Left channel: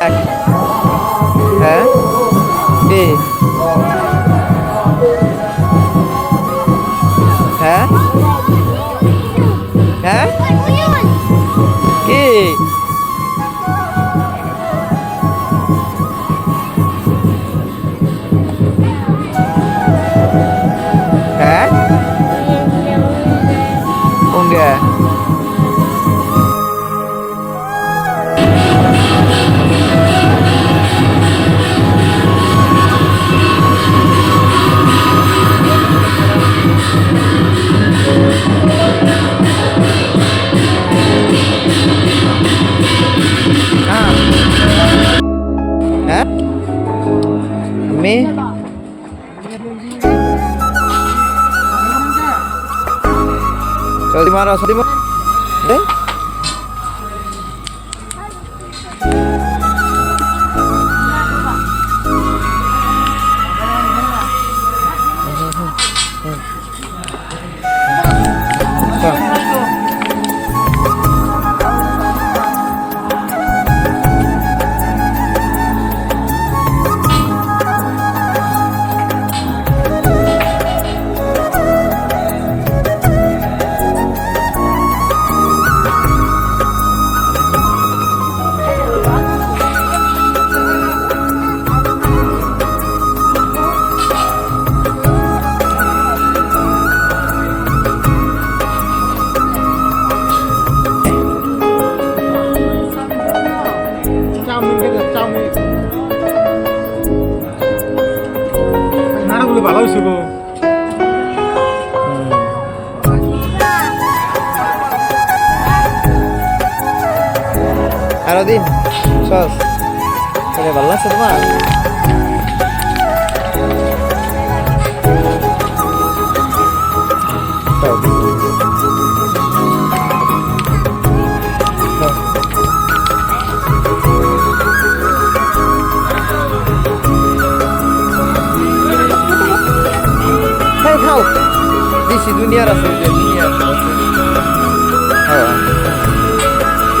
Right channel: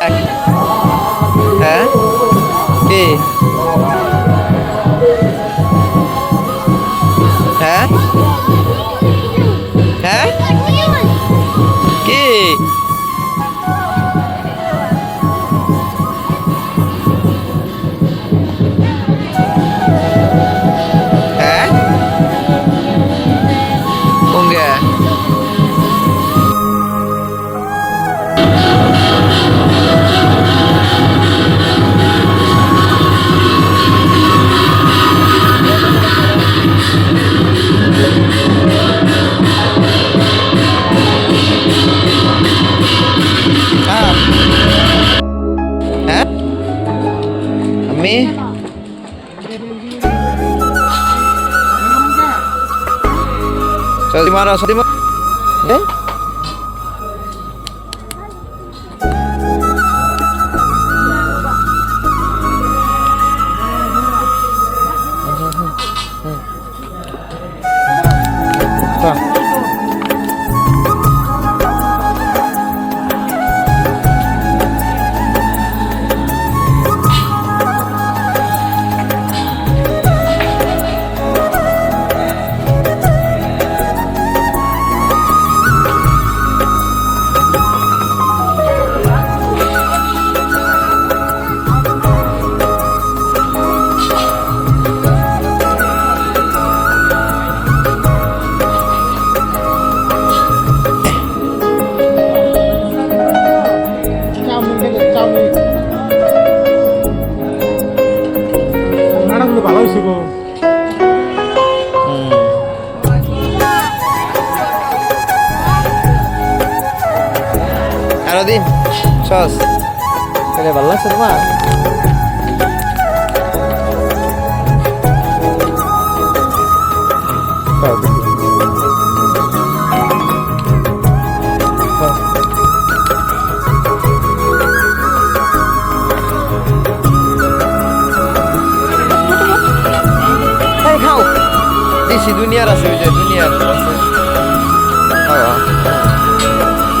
হ্যাঁ কে হ্যাঁ হ্যাঁ কে হ্যাঁ কোনগে হ্যাঁ আমি Sorry marah, sorry marah. Eh? নাড়াগুলো ভালো হয়েছে গো আরো দিন সস তাহলে ভালো লাগছে তোমার খাও দিছি দুনিয়ার আছে ওই যে দুনিয়ার আছে হ্যাঁ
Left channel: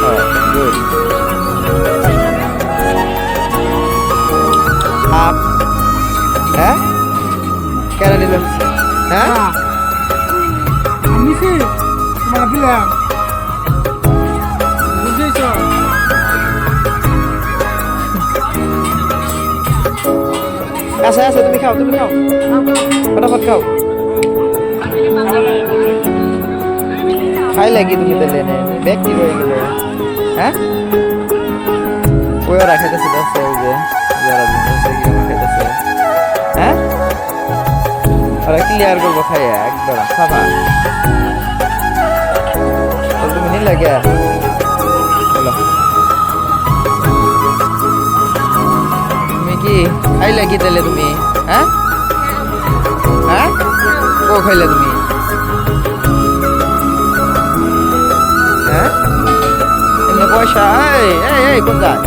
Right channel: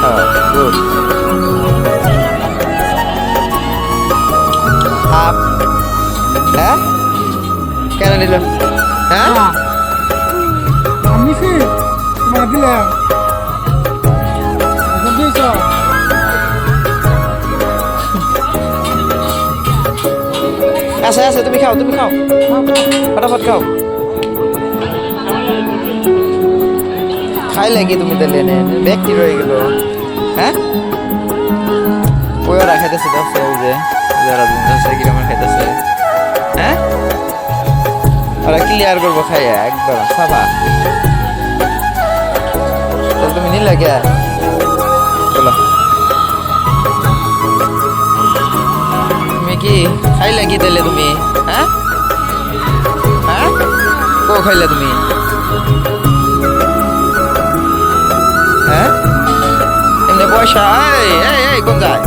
হ্যাঁ গুড আপ হ্যাঁ কেন নিল হ্যাঁ আমি সে তোমার দিলাম আছে আছে তুমি খাও ফটাফট খাও খাই লাগি তুমি তো লেনে ব্যক্তি রয়ে গেল হ্যাঁ ওরা খাইতেছে দশ যে যারা কিরকম খাইতেছে হ্যাঁ ওরা ক্লিয়ার করবো খাইয়া একবার সাবা তাহলে তুমি নিলে কে বলো তুমি কি খাইলে কি তাহলে তুমি হ্যাঁ হ্যাঁ কো খাইলে তুমি হ্যাঁ এমনি পয়সা এই কোন যায়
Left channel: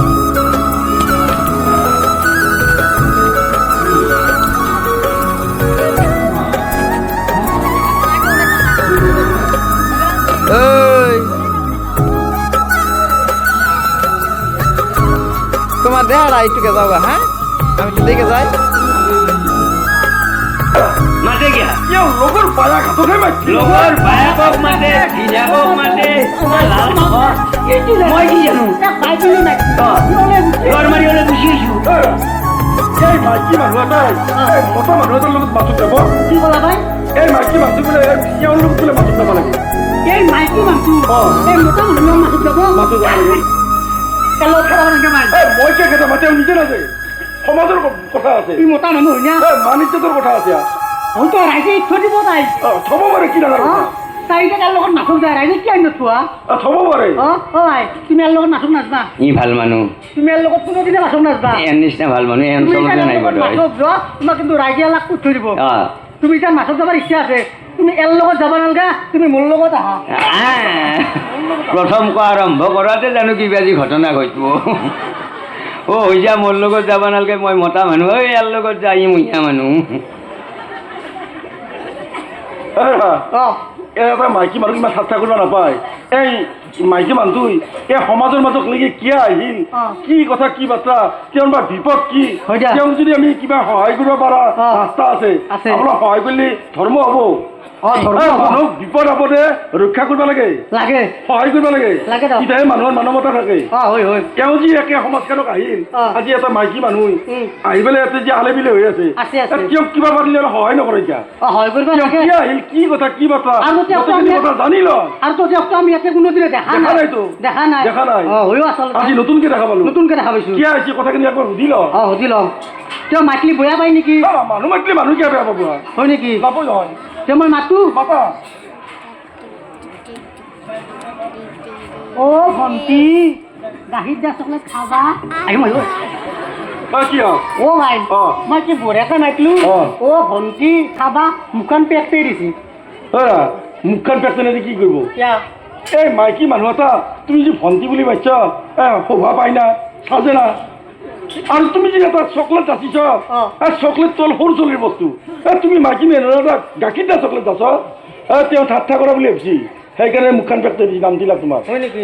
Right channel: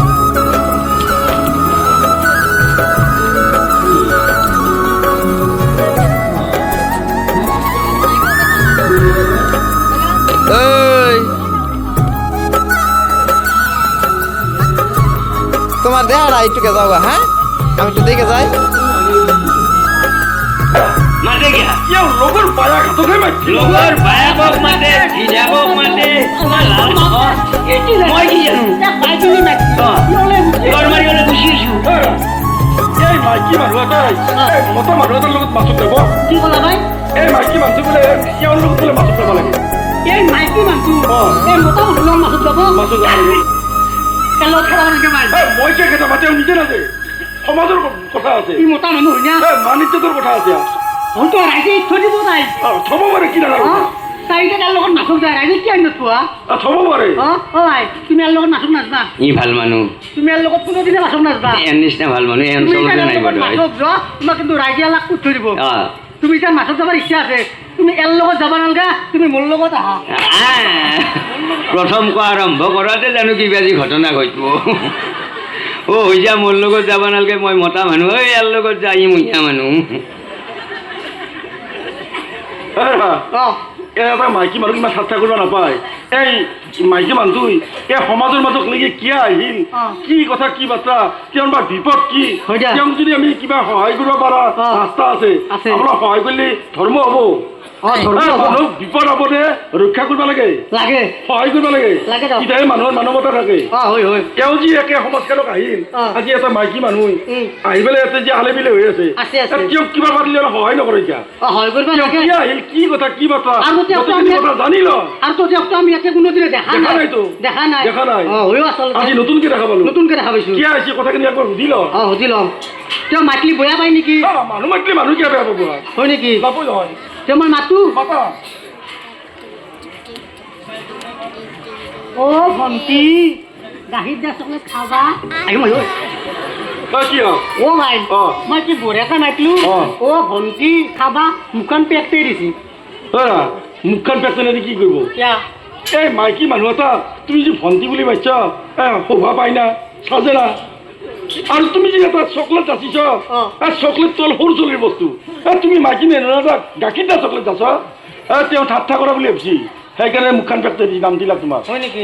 তোমার দেহারা একটু কে যাও হ্যাঁ আমি একটু দেখে যাই সমাজের কথা আছে মোটা মানুষ মানিজ্যতার কথা আছে হয়তো রাইজে থৈ দিব তাই থব পাৰে কি ডাঙৰ কথা তাইকে তাৰ লগত নাচক যায় ৰাইজে কি আনি থোৱা থব পাৰে হয় তুমি ইয়াৰ লগত নাচক নাচবা ই ভাল মানুহ তুমি ইয়াৰ লগত কোনোদিনে নাচক নাচবা এন নিচিনা ভাল মানুহ এই অঞ্চলতে নাই বোধহয় তোমাক কিন্তু ৰাইজে লাখ থৈ দিব অ তুমি এতিয়া মাছত যাবৰ ইচ্ছা আছে তুমি ইয়াৰ লগত যাব নালাগে তুমি মোৰ লগত আহা প্ৰথম কোৱা আৰম্ভ কৰাতে জানো কিবা যি ঘটনা ঘটিব হৈ যা মোৰ লগত যাব নালাগে মই মতা মানুহ ইয়াৰ লগত যাই মহিলা মানুহ এটা মাইকী মানুহ ইমান ঠাট্টা কৰিব নাপায় এই মাইকী মানুহটো এই সমাজৰ মাজত লাগি কিয় আহিল কি কথা কি বাৰ্তা তেওঁৰ বা বিপদ কি হয় দিয়া। তেওঁক যদি আমি কিবা সহায় কৰিব পৰা ৰাস্তা আছে আছে। অলপ সহায় কৰিলে ধৰ্ম হ'ব ধৰ্ম হ'ব। মানুহক বিপদ আপদে ৰক্ষা কৰিব লাগে লাগে সহায় কৰিব লাগে লাগে তো। তেতিয়াহে মানুহৰ মানৱতা থাকে হয় হয় তেওঁ যি একে সমাজখনক আহিল আজি এটা মাইকী মানুহ উম। আহি পেলাই ইয়াতে যে আলে বিলে হৈ আছে আছে, আছে। তেওঁক কিবা পাতিলে অলপ সহায় নকৰে এতিয়া হয় কৰিব তেওঁ লাগে কি আহিল কি কথা কি বাৰ্তা আৰু তেওঁক গোটেইখিনি আমি- কথা জানি ল আৰু তো তেওঁকতো আমি ইয়াতে কোনোদিনে দেখা দেখা নাই নাইতো। দেখা নাই দেখা নাই। হয়ো আচলতে আজি নতুনকে দেখা পালো নতুনকে দেখা পাইছো কিয় আহিছে কথাখিনি একবাৰ সুধি ল সুধি লওঁ তেওঁ মাতিলি বেয়া পায় নেকি মানুহ মাতিলে মানুহ কিয় বেয়া পাব হয় নেকি পাব নহয় তেওঁ মই মাতো মাতা ভণ্টি গাখীৰ দিয়া চকলেট খাবা আহিম আহিব তই কি হ'ল ভাই অ। মই কি বঢ়িয়াকৈ মাতিলো অ। ভণ্টি খাবা মুখখন পেক কৰি দিছি মুখখন পেচেনে কি কৰিব কিয়া এই মাইকী মানুহ এটা তুমি যে ভণ্টি বুলি মাতিছ শোভা পাই না চাজে না আৰু তুমি যে এটা চকলেট যাচিছ চকলেট তোল সৰু চলিৰ বস্তু তুমি মাইকী মানুহ এটা গাখীৰ দিয়া চকলেট যাচ তেওঁ ঠাট্টা কৰা বুলি ভাবিছি সেইকাৰণে মুখখন পেকতে দি নাম দিলাক তোমাক হয় নেকি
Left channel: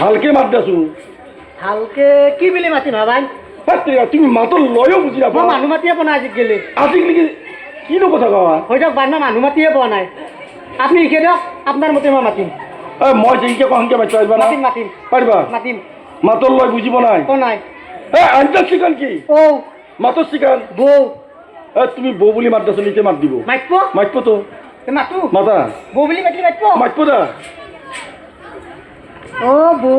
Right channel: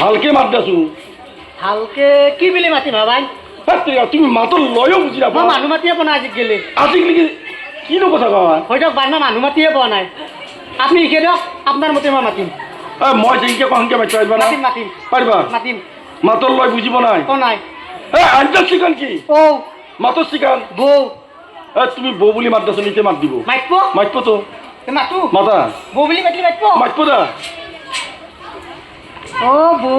ভালকে মাত দেচোন ভালকে কি বুলি মাতিম ভাই তুমি মাতৰ লয়ো বুজি মই নাপা মানুহ মাতিয়ে পোৱা নাই আজিকালি আজিকালি কিনো কথা কোৱা হৈ যাওক বাৰ মই মানুহ মাতিয়ে পোৱা নাই আপুনি লিখে দিয়ক আপোনাৰ মতে মই মাতিম মই যেনেকে কোৱা সেনেকে মাতিব পাৰিবা না মাতিম মাতিম পাৰিবা মাতিম মাতৰ লয় বুজিব নাই পোৱা নাই আঞ্জা চিকান কি মাতৰ চিকান বৌ তুমি বৌ বুলি মাত দেচোন এতিয়া মাত দিব মাতিব মাতিবতো মাতো মাতা বৌ বুলি মাতিলে মাতিব মাতিব দা বৌ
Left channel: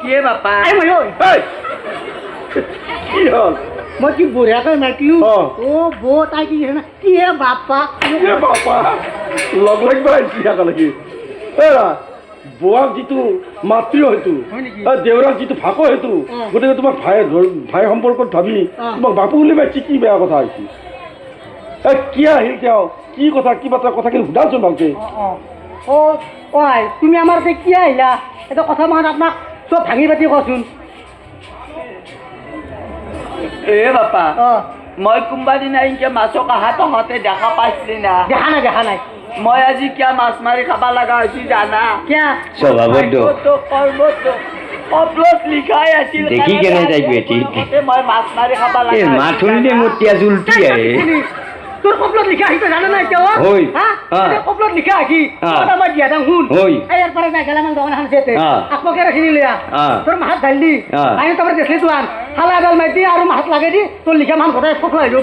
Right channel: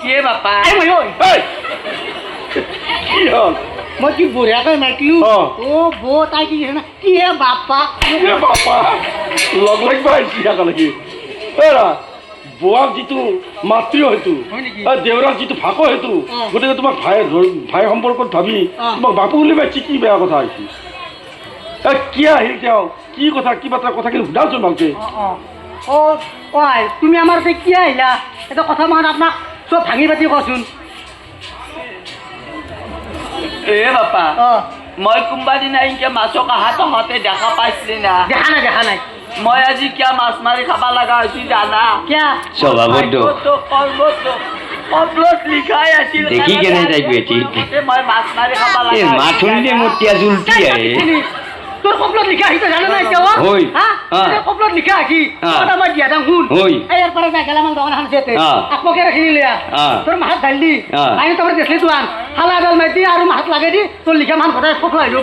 কিয়ে বাপা এই মই ঐ এই, কি হ'ল মই কি বঢ়িয়াকৈ মাতিলো অ। বৌ তাই কি কৈছে না কি হে বাপা এ বাপা লগ লাগিব আহিছি একেলগে বোৱাক যিটো মাতৃ হয়তো হয় নেকি? দেউৰাক যিটো ভাকো হয়তো গতিকে তোমাক ভাই সম্পৰ্কত ভাবি অ। তোমাক বাপু বুলি পাইছি কি বেয়া কথা হৈছে কি আহিল তেওঁ কি কথা কি বাৰ্তা কথাখিনি সোধাচোন ভালকে তুমি আমাৰ তাতে কি আহিলা এটা কথা মই আপোনাক চব ভাঙি পাতি কচোন এ বাপা অ মই কোনোবা দিনা এনেকে মাছক আহা তহঁতে দেখা পাইছিলি না দেখা নাই মই আজি কিয় মাছ মাৰি খাব লগা হৈছি জানা কিয়া স্বভাৱত দোষ। কপলত লিখাই আছিল দেখি কেনে তাইক বেটি। মই মাছ মাৰি খাব লগা এই মাত শুনিলে মোৰ তিয়া জুলটি আহে তোৰ কপলত লিখা আহিছে জানা নাই এতিয়া হয়। কপলত লিখা আহি মই দিয়া যাম শুন হয়। ইয়াৰ পৰা যাই গেলামান দোকান এখন আছে অ। আকমকে ৰাখি নিলে অ। তোৰ মাহাত ঢাল দি অ। আনি তোমাৰ দেখলি তো আন খালা এডাল মাৰি দি আৰু মাহাত লাগে দি তোৰ লিখা মান সদায় ফটো আহিলো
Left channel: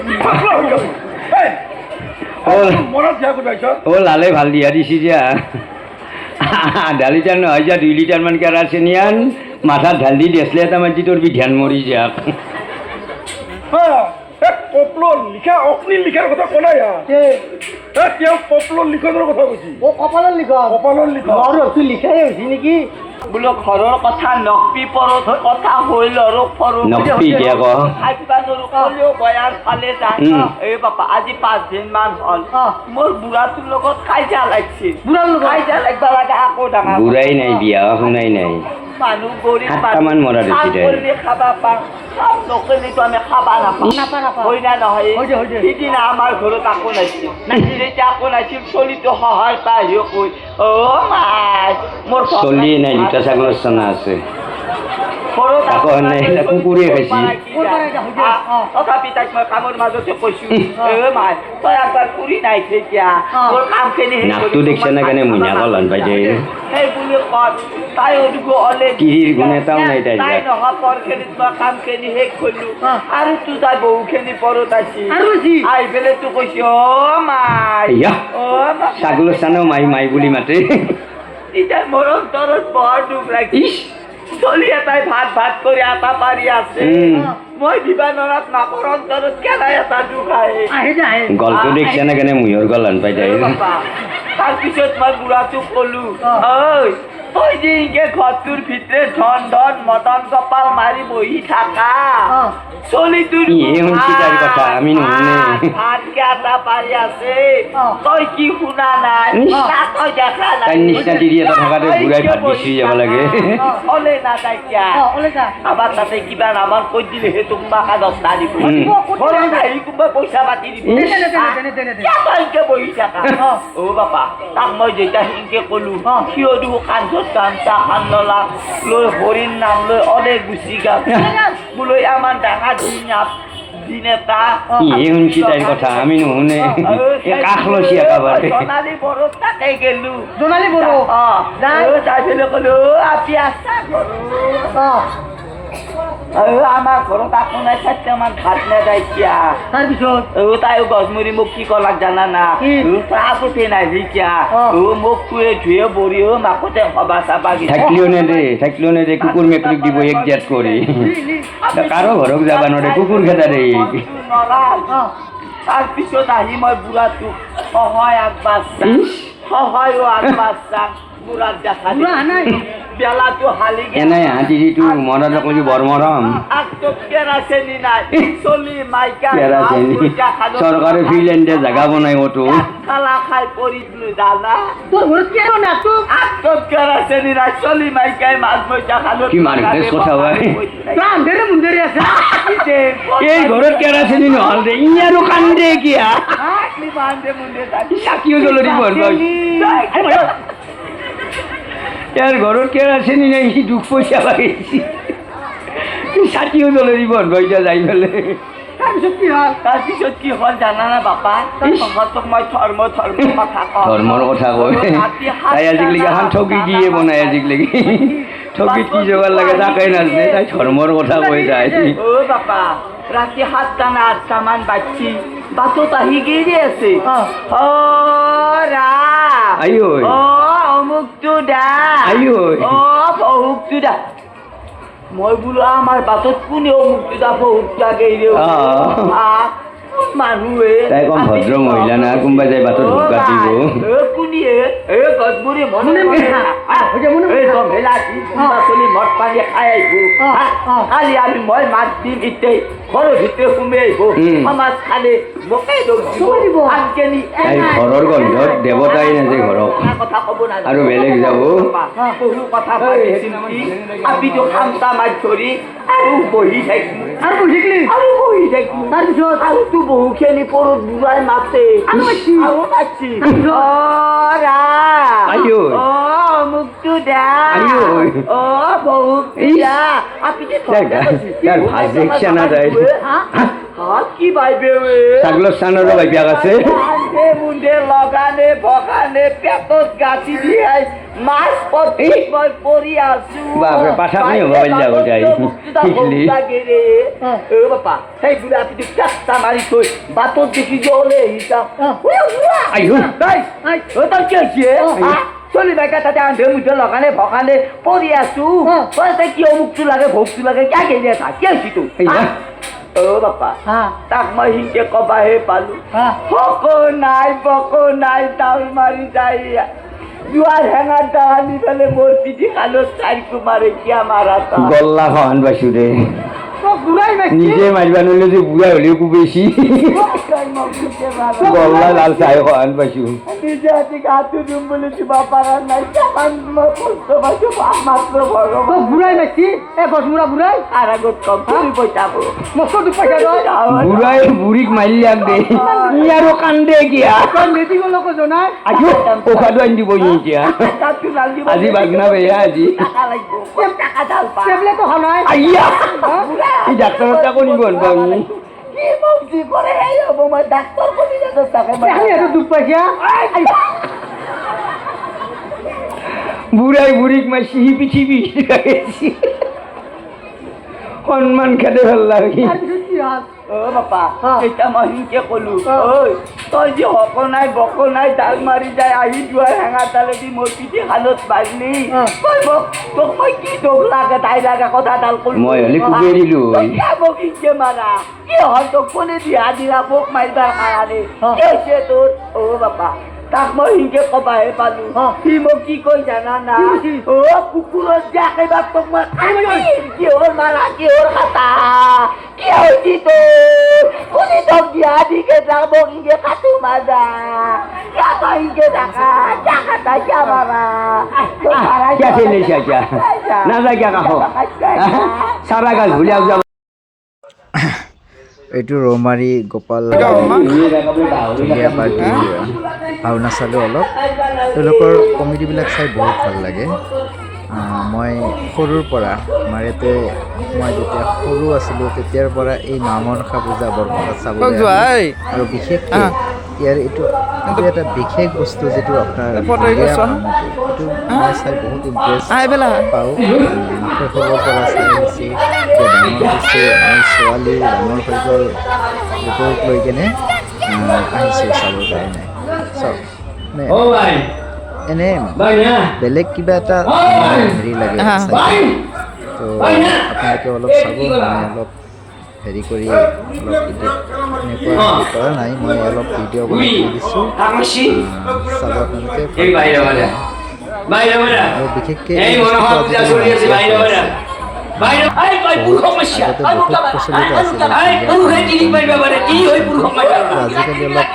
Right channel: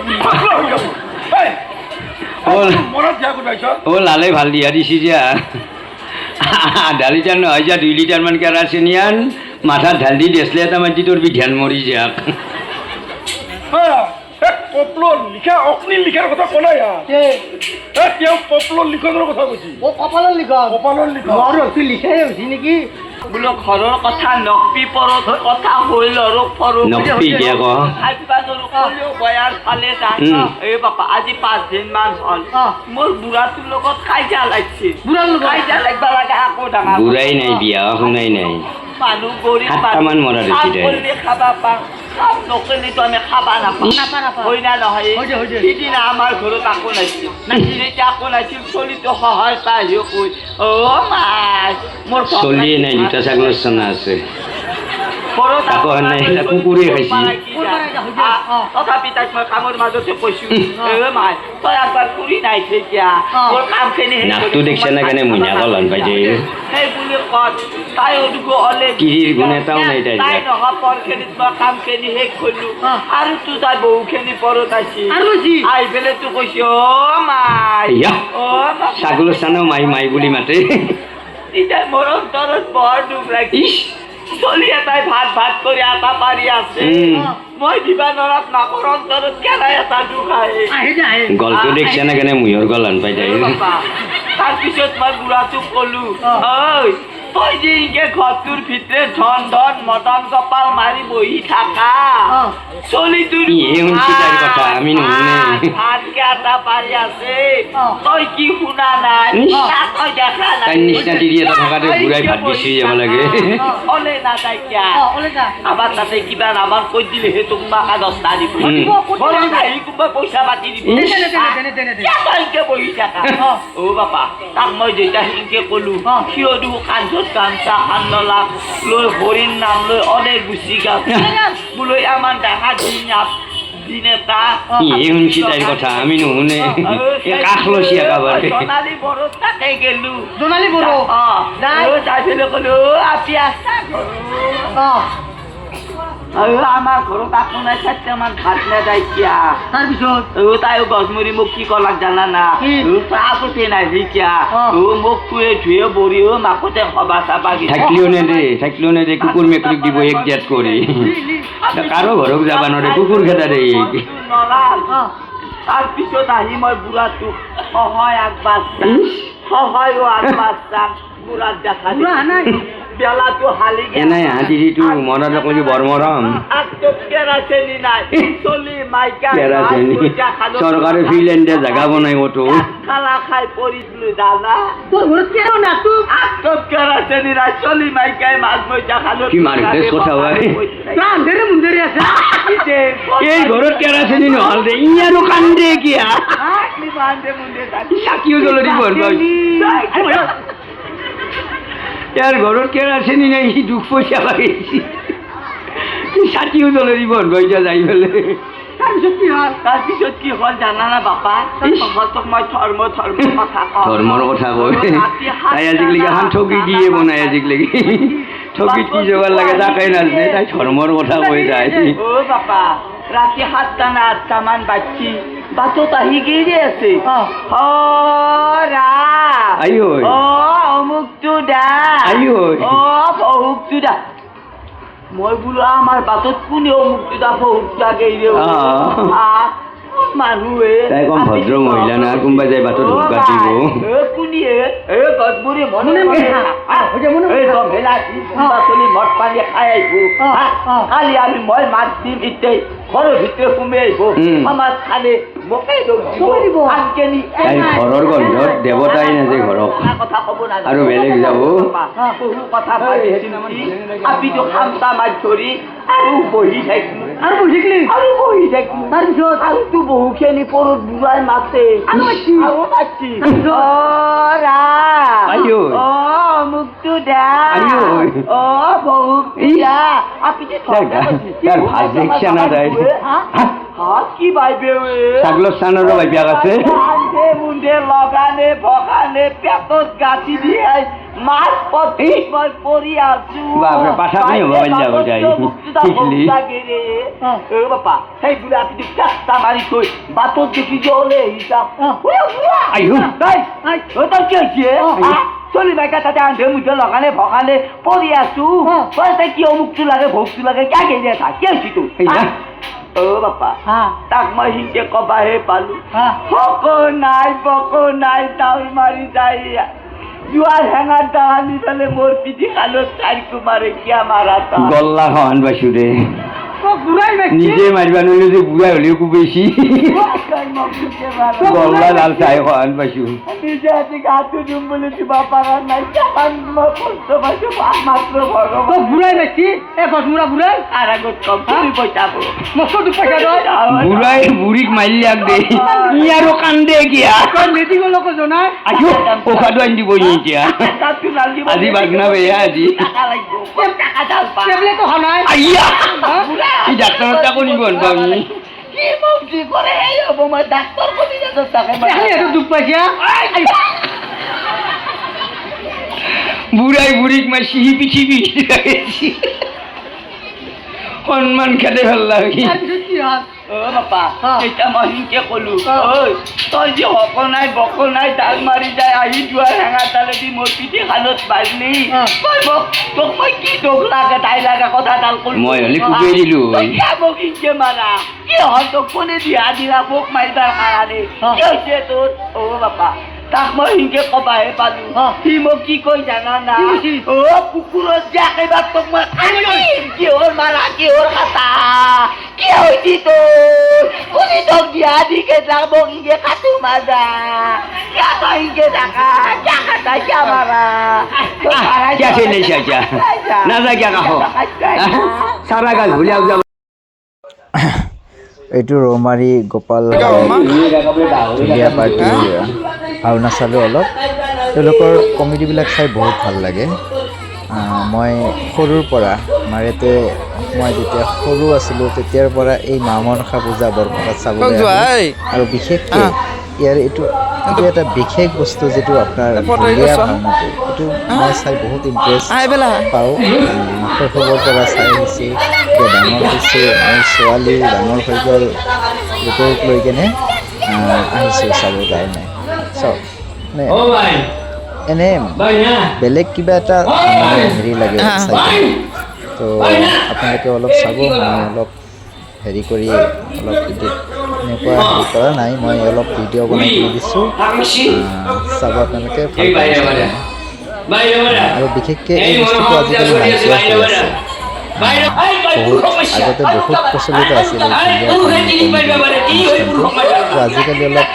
মনত দিয়া গোটাইছ লালে ভাল দিয়া দিছি যা আধা লিটাৰ নহয় যা 2 লিটাৰ মান কেৰাচিনি আন মাথাত ঢাল দি দেচলে এটা মাটি তোৰ বিধান মৰি যাক কপলৰ লিখা অগ্নিৰ লিখাৰ কথা কোৱা নাই তেওঁ কপলৰ লিখনৰ কথা কৈছি কপালত লিখ কপালৰ লিখা তুই লিখাই হৈছি নেকি বোলো ঘৰৰ কথা নকপি পৰত কথা হ'ল আৰু পৰো নকপি কিয় ক এই বাপা আজি 5 দিন মান হ'ল অ। মোৰ বুঢ়াটোৰ লগত কাজিয়া লাগিছে বুঢ়াৰ লগত? কাজিয়া লাগবা লাগে আকৌ ডাঙৰ বুঢ়াই নাই বিয়া শুনাই নাই মানুহ গৰীব 7টামান মৰা দেখি তাই। খাবা পাওঁ কাম নকৰিলেতো আমি খাবা নাপাওঁ নাপাওঁ। হয় না নহয় হয় দে। সিদিনা আমাৰ ঘৰত আকৌ নাছিল যেতিয়া আকৌ নাছিল চলিটো সহায় পাই আহিও কৈ মাই মোৰ চলিয়ে নাই 2টা ছাগলৰ চানা আছে ঘৰত তাকো নাই, এটা কুকুৰে খাইছি। তথাপি তাইক মই কামৰ মাজতে কৈছো মাই তই একবাৰ ফুৰি নাই এতিয়া মোৰ কামখিনি নাকটো দেখিছে না কেনে মুইনাক লন পাই যায় সেই বুলি কত তাই হ'লে কিৰিৰ গুণ এটাও নাই তাইৰ তাই গাত। নহয় পৰখিনিত মই কামখিনি শেষ কৰিলো আৰু তোৰ তাই বহুখিনি পৰত আছে আৰু যি? আহি পেলাই তোৰ কৈছে মাই ইয়া। মাই ছাগলৰ চানাও মাই মাই বুলি মাতে এতিয়া মোৰ অন্তৰত বৰ দুখ লাগিছে চলি এটাই ভাত কৰি আটা পাৰি আছে মই দিবা নৰাত নাকৰ অন্তৰত কেলাই এটা দুখ আহে আহি যায় গলটো দেখিছে না কেনে মুহৰ গলন পাই যায় তাৰপিছত মই বুঢ়াটোক কলো ঐ তই যে ইকে ঘৰটোৰ ভিতৰে ধন ধন মদন কপাল মাৰি বহি থাকা চলিটোৰ ইয়ে শুনছি তাইৰ কথা, আমি নুশুনে। ভাতকে আটা পাৰি আছে তই কি শুনা নাই তাক তই দেখা নাই তাইৰ নিচিনা তিৰি এটা থকাতে বুঢ়াই ভাত বিচাৰি যাব লাগে অলে না তাই কিয়া ওলাই যা আমাৰ তাতে কিবা নামৰ কৈ দিলেহে তোমাক 10টা দিব ঘৰত আহি কোনোবা পইচা পাতি দিব কিয় তই এনেকে বহি থাকা অ বাপা তাক মই যেতিয়া সেনেকে কলো সিও দেখো কান্ধত কান্তা আন্নলা লৈ হরিণ নাম লৈ অনেক গুচি গাছ বোলো আমার ডাঙা দিন এটা এই শুনছি তাইৰ কথা আমি নুশুনে কাষ লৈছি একেবাৰে সোণালী বড়ো তাতে গেলো জোনালী বড়ো যাই পেলে কলো আপি আসা আমার ঘৰত আপোনাৰ চাইছে আমাৰ ভাত নেদাই কিয়া তাৰপিছত তাই গছমুৰি মোক কি কলাক জানা না আগতে নাই কিয়া মোক কুয়ে ধুয়ে বৰি মাকতে সবা চাবা থাকিলেও নে দে কুকুৰ মেকুৰীক দিব এক জেট কৰি কাৰো ঘৰক যাবা নোৱাৰে কুকুৰ খেদা দে তাৰপিছত আহি মই বুঢ়াটোক সহায় আগবাঢ়া বুঢ়াক দেখা বেলাটো হালি এনাই হাতীটো মনত লাগি বৰ মৰম কেৰাচেনি নাই চলি মাইকা চৰকাৰে ফিল্ডে জাগা বনাই তো খালা খাই পৰি দিলো দাদা তোৰ ঘৰত কিয় না তোক কেৰাচেনি নাই চলি মাইকাই মাছ মইচা খালো কি মাৰিছে কথা হয় আন্ধেৰে মুন্ধেৰে আছে এই ঘৰত কেৰাচিনি নহল দে ই আৰু কান্দে কিয়া চাকিও জ্বলি মৰবা ইয়াৰ ঘৰত কেৰাচিনি নাই সি দুখ পইচা লাগিছে চাকিও জ্বলি মৰবা এতিয়া যাই পেলাই তাৰপিছত কি হ'ল জানা না বাপা তোক মই ধৰ্মৰ কথা কয় তাই আজিকালি এখন ঠগি দিয়ে বনাই আজিকালি ঠগিত কি যোগাৰ লাগে তাকে নাজানে তাই ধৰ্মৰ কথা কৈ যায় অ বাপা ৰাতি 7টা না 8টা মান বাচ্চি বাটত আহি গেৰি আছে আই ঐ অমুকটো দা আই ঐ অমুকটো দা মই বোলো আমাৰ বাটত কোনে অমুকটো দা বহুকটা গেৰি মানুহে তাই কম ভদ্ৰ মহিলা না কোনোবা যাই বাটত হুকা দিব কোনিয়ে গছপুৰি মনে চলি মদ পানী খাই আহিব কালি আমি মই মাছ দিম ইতে ঘৰৰ ভিতৰে সোমাই আহিব মাছ খালে মোকেই দিব আনকেনি তাই ঘৰৰ গন্ধত দেৱতাই নাযায় ঘৰক কথা ক'ব নাজানো আৰু বেলেগ যাব বহু কথা ভাবিছিল আপিটো খামটা মাছ ধৰি আৰু বহি থাকিম আৰু বুজিলি আৰু বহি থাকিম তাৰপিছত আৰুতো বহুখিনি পৰত বুঢ়াই মাছে আৰু নাচি আই ঐ মুখটো দা আই ঐ বহুত দা আপিতে তাৰ ভাত দেখছা না তাই কি বাইবে ছাগলৰ স্থানৰো বাইবিয়াক আছে মুণ্ডে লগানে ভগানে পেটত গাঁঠি দিয়ে মাছ পৰি আছো বাপৰে পাঠাকনি হ'ব যাব যাই শিকলি বাপা সেই বুঢ়া আপনি চেষ্টা মাৰি থৈ বাটত দেখি জ্বলে হিচাপ আইও তই কি হৈছে চলি বাইকা তাতে আন্ধে মুঠে লগানে ভগানে পৰি আছো তই কি অমুকটো লাগে ভোগটো লাগে কিয় কেনে থাক কি হৈছি তোৰ বাপা তাক মই সিংকে কবাহে পালো বক নাই তাউল মাৰি যায় জুৱাৰ হেঙাৰ দাহানি পেলে মোৰ পিঠি খালো চাৰিকো মাৰে কিয়া মাৰা গল্লা খান পাইছো দে বুঢ়াই নিজে মাৰিবা নোৱাৰিলে যে বুঢ়া হ'লেও কুবেছি গল্লা লাল চাই খান পাইছো নিজে আজি গাটো দিম বুলি দিবা পাৰা নাই মই কষ্ট পাইছো মাত্ৰ ভগৱান বুঢ়াই বেছি এ গছমুৰা বুঢ়াই আৰু আগত কম তুমি পইচা পাব মস্তটো পইচা লয় বুঢ়াই বুঢ়ীক মাৰিলাক দে ই আৰু কান্দে কিয়া মেডিকেলকে জনাই আহিও পইচাটো আনি দিব এতিয়া আজি বাজনা বেয়া আজি টেবলেট অহা নাই আইয়া এই ডাক্তৰৰ তাকো নিব পাবি কি মৌজি কৰে এই হ'ব মই ডাক্তৰ কৰি এইটো দুখ পাইছা বুঢ়াই বুঢ়ীক মাৰিছি সি পিঠি পিঠি লাগিছি সন্মান খেদে ভাল লাগে তাৰপিছত কি হ'ল বাপা এতিয়া মই সিংকে কলো ঐ তই যে হকল নাই বকল নাই ডাল মাৰি যায় আহি যোৱাৰ হেঙা তালেদি মোৰ পিঠি খালত বাজলি তই তোক মই কি দুখ লাগে তাই লাগে কথা ডাল কলো মই হ'লে কুকুৰে দিলো মোক সিংকে মাৰা কি হ'ল তোক কোনে দিয়া দিলা মোক মাৰিবাৰ কাৰণে কি হৈছে তোৰ বাপা তাক মই সিংকে কবাহে পালো সি মোক কি কৈ জানা না কুকুৰত যে একেবাৰ তোক মই কিহৰ মাৰা কিহৰ কাটা কি হৈছি তোৰ কোনে তোক দিয়া দিকে যাব সিংকে কাটো মাজা কিয় তই সিংকে থাকা কিয় কাটা কিয় মাৰা কিয় খেলিছা এতিয়া নাযা কিয় কাষ চাৰা গাছ ভুলিয়াক যাব এইটো ৰৌমাৰী গোপাল ইণ্ডিয়া পাৰ্টিৰ ভাওনা চালোঁ অলপ তেওঁলোকৰ কমেডিবিলাক চাই বহুত ভাল লাগে মই সৰুৰ পৰা আমাৰ ইয়াতে মই যেতিয়া সৰু আছিলোঁ তেতিয়াৰ পৰা এই মা মনসা পূজা বৰপেটাত চাবলৈ আহোঁ। আৰু বিশেষকৈ ইয়াৰ এইটো এটা বিশেষ বস্তু যিটো আপোনাৰ ঢুলীয়া ভাওনাটো এইটো মই চাই বহুত ইণ্টাৰেষ্ট পাওঁ। শৈশৱৰ পৰা চাই আহিছোঁ, এতিয়া ডাঙৰ হৈছোঁ, মোৰ ছোৱালীও ডাঙৰ হৈ গ'ল, গোটক লৈ কেনে আহিছোঁ চাবৰ কাৰণে। চাওক মানে এনে বেলেগ কিবা এটা মানে হেৰি লাগে চাই, তো আপোনালোকে অলপ চাব। মই অলপ হেৰি কৰি অলপ এডিট এনেকুৱা হেৰি কৰা নাই, মই অলপ ভিডিঅ' বনাই কৰি দিছোঁ, চাব আপোনালোকে ভাল পাব। আৰু বিশেষকৈ এই বস্তুটো আজিকালি নাইকিয়া হৈ আছে। বহুত আগতে বহুত প্ৰচলিত আছিল এই ঢুলীয়া অনুষ্ঠানটো, আজিকালি অলপ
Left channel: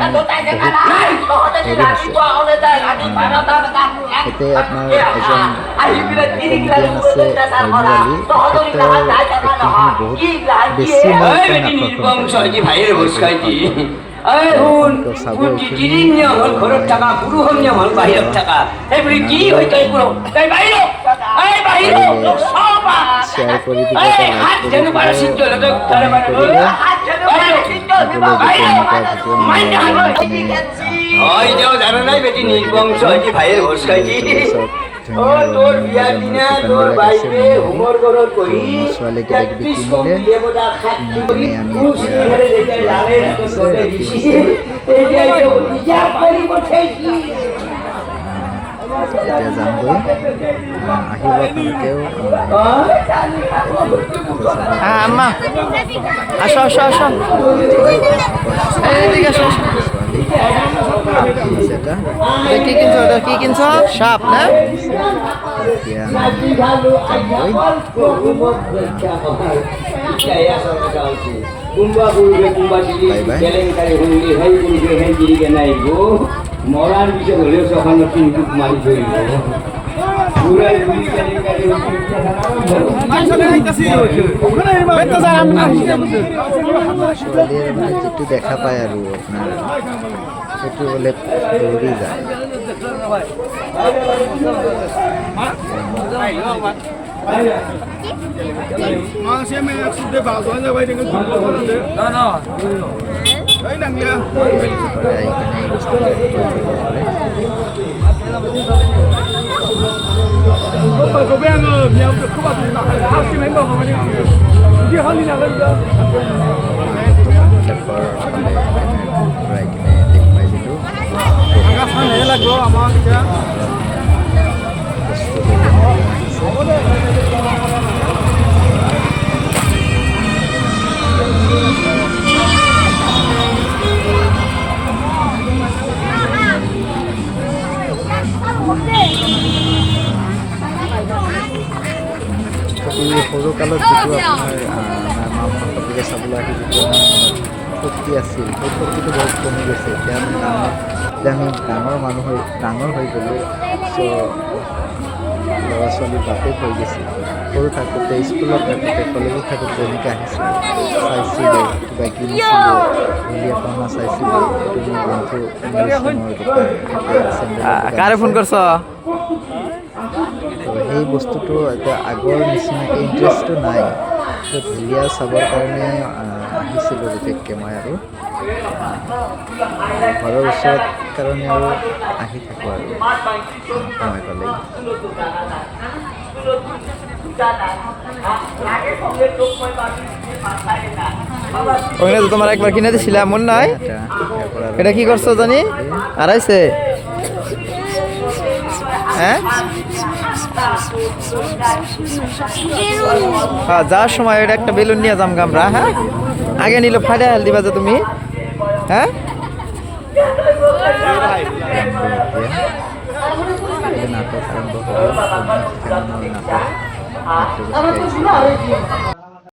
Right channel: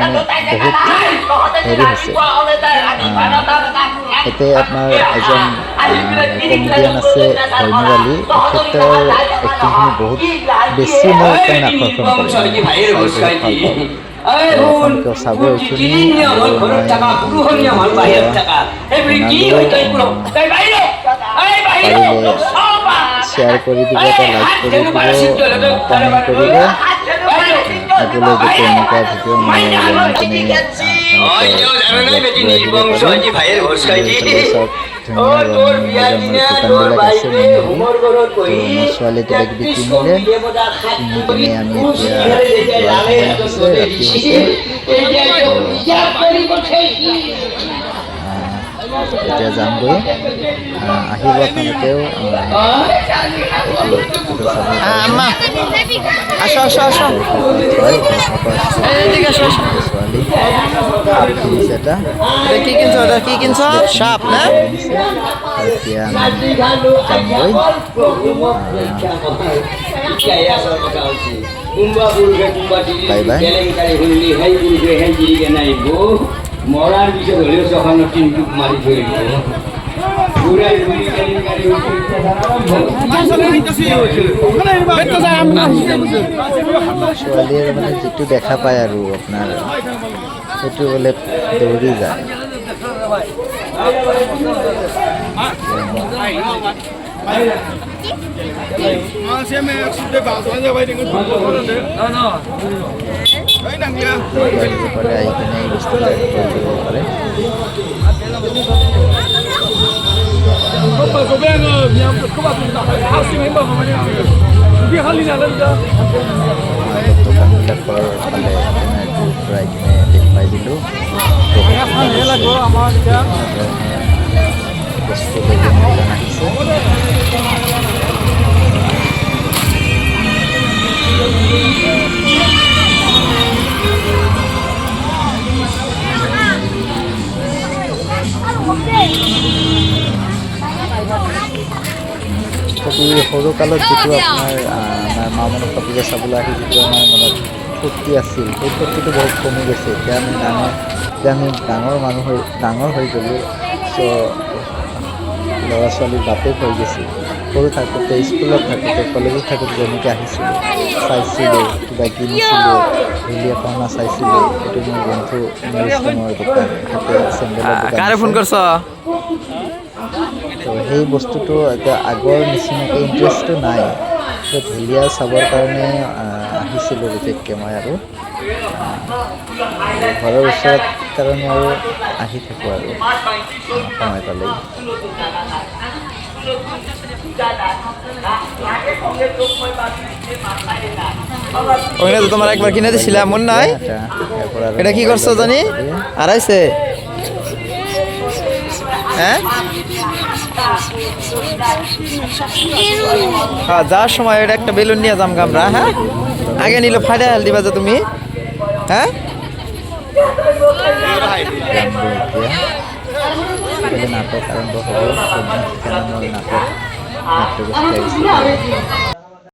মানে বহুত হেৰি হৈছে। এতিয়া আপোনাৰ এজন কমেডিয়ান আছে হৈমুৰ আলী, তেখেতৰ এক্টিংখিনি বহুত বেছি মই তাৰমানে আকৰ্ষণ কৰে। আপোনালোকেও চাব এইখিনি, পাৰিলে শ্বেয়াৰ কৰি দিব, এটা লাইক কৰি দিব, কমেণ্ট কৰিব। আগলৈ যাতে এনেকুৱা ভিডিঅ' মই বনাই কিনে চব ধুনীয়া ৰঙৰ দোকানবিলাক আছে মণিহাৰী, তো মোৰ ছোৱালী কিবা কিবি কিনিলে, কিনি কিনে আমি এতিয়া যোৱাৰ সময় হৈছে, ৰাতি হৈছে। এতিয়া যামগৈ, আহিব আপোনালোকেও ছোৱালী সাপ কিনিছে এটা। কি কিনছ সাপ না? এতিয়া আমি যামগৈ। Bye bye. মরার বিষয় হলেও তখন কিন্তু মারি ধরিব ছোৱালীয়ে মানে যিটো দেখা পায় আৰু আপোনাৰ সেইটো বোলে দৌৰি যায়। আহিব পাৰে, আহি কিনে এই বস্তুবিলাক ক্ৰয় কৰিব পাৰে। দোকানবিলাকৰ ফালে কেমেৰাটো ঘূৰাই কিনে দেখুৱাই দিলোঁ। বস্তু লৈ কিনে দোকান আহিছে। সৰুকালত যিটো আপোনাৰ আমাৰ মা মনসা পূজা চাবলৈ আহি যিটো আমাৰ মনত ফূৰ্তি আছিল, সেই ফূৰ্তিটো বহুত কমি গৈছে। এতিয়া আমি ডাঙৰ হৈ গ'লোঁ, চ' ল'ৰা ছোৱালীৰ বাপেক হৈ গৈছে। সৰু থাকোঁতে, স্কুলত থাকোঁতে, কলেজত থাকোঁতে যেনেকৈ আহিছিলোঁ, চাইছিলোঁ, কিবা কিনিছিলোঁ, ঢুলীয়া ভাওনা চাইছিলোঁ। এইটো মোৰ বন্ধু মোৰ দোকান, এখেতে চেণ্ডেলৰ ফোন কৰছ? তো সেই বস্তুটো এতিয়া আগৰ নিচিনাকৈ ইণ্টাৰেষ্টটো নাই। তো ঢুলীয়া চাবৰ কাৰণে আহিছিলোঁ বিশেষকৈ মই, আৰু ঘৰৰ ওচৰত কাৰণে আৰু আহি থাকোঁ আৰু সময় পালেই। ওখানে তো তোমার একবার কিনে দিছিলাম মন নাই? এটা কি করছো জানি? আড়াইছে? হ্যাঁ, যাওয়ার সময় এটা একটা বেলুন নিয়ে যাম আমরা। হ্যাঁ, আগে নিলে ফাটা হেল দিবা যে তুমি। হ্যাঁ, নাটক আৰম্ভ হ'ব। নাটক নাট্যগোষ্ঠী আহিছে।